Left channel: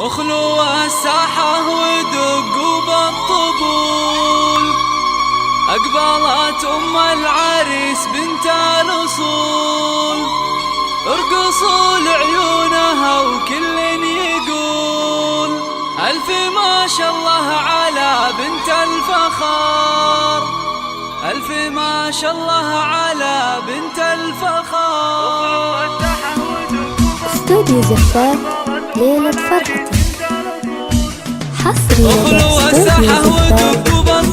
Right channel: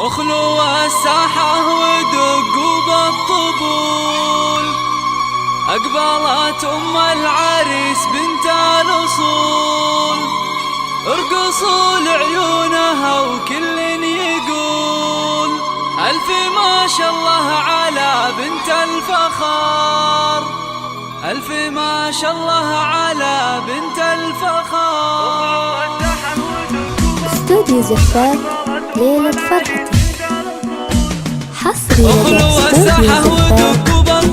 اخلوا الساحة ودقوا بالطبول، أقبلت أم العريس بنت الأصول، ارقصوا لعيونها وكل يقول ألف ما شاء الله على بنت الفخار، ألف ما شاء الله على بنت الفخار. استوديو زفاف ليلة فرحتك حصري لدى استوديو زفاف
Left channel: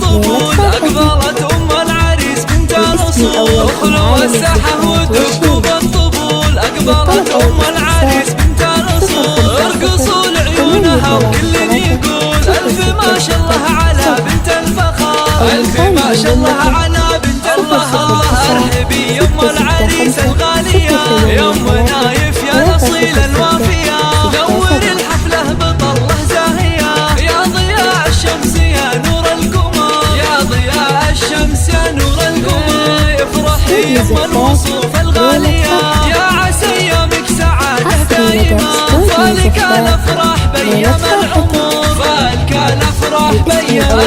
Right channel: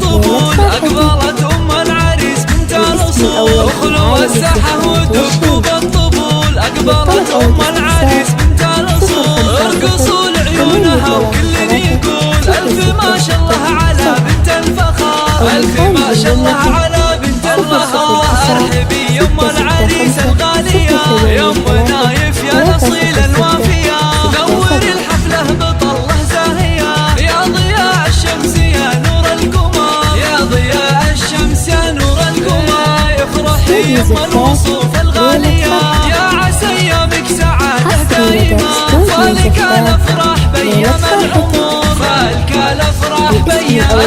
ليلة أقبلت أم العريس بنت الأصول، اخلوا الساحة ودقوا بالطبول، أقبلت أم العريس بنت الأصول، ارقصوا لعيونها وكل يقول ألف ما شاء الله على بنت الفخار، ألف ما شاء الله على بنت الفخار. ارحبي يم العريس الغالية، يم نايف يا نصيل الوافية، نور الحفلة بطلة زاهية، يا ضياء الشمس يا نور القمر، يا ضياء الشمس يا نور القمر. افرحي يم الوصوف الغالية، يا عسى ايامك سعادة دائمة، فالك الافراح بيام العمر، فالك الافراح بيام.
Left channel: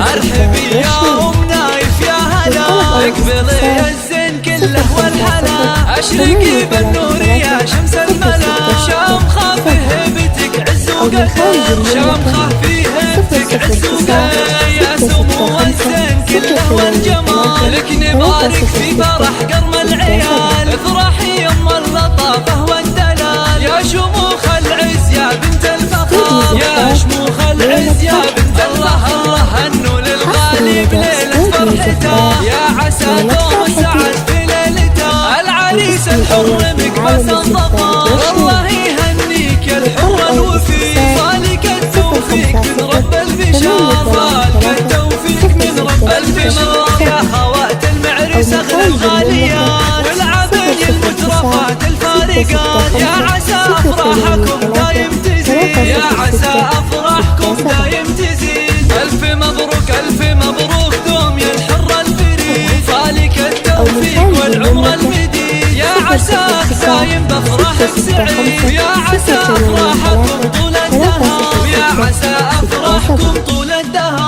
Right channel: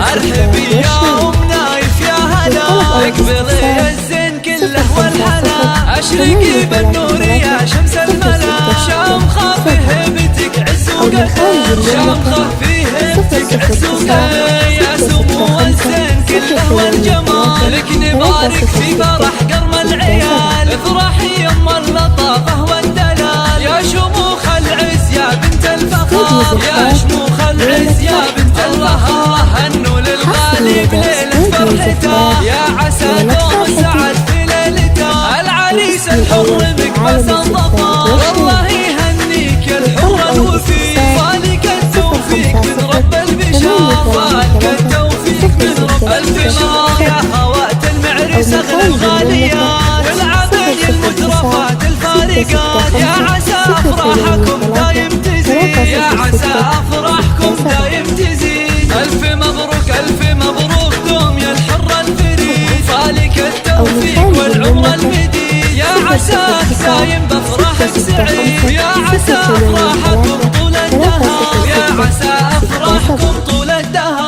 ارحبي يا ام نايف يا هلا، اقبلي الزين كله والحلا، اشرقي بالنور يا شمس الملا، شامخة في هبتك عز وقهر، شامخة في هبتك عز وقهر، يا سمو الزين كله والجمال، لك نبارك في فرح قرم العيال، افرحي يم اللطافة والدلال، يا شموخ العز يا بنت الفخار، يا شموخ العز يا بنت الله. الله هنوا للغالي بليلة فرحته، يا عسى دوم سعد في ليلته، العريس الحر مقبس الظفار، والله يهنيك يا الحر الوفي، فالك التوفيق من رب البشار، فالك التوفيق من رب. ألف مبروك يا خوات المعرس أغلى الغاليات، والعبين المترفات الفارقات، يا عسى أفراحكم دايم تزيد، يا عسى أفراحكم دايم تزيد. ألف مبروك ألف مبروك دوم يا الحر الفريد، فالك التوفيق والعمر المديد، يا عساك دايم بأفراحك سعيد، يا عسى أفراحكم طول الدهر، يا عسى أفراحكم طول الدهر.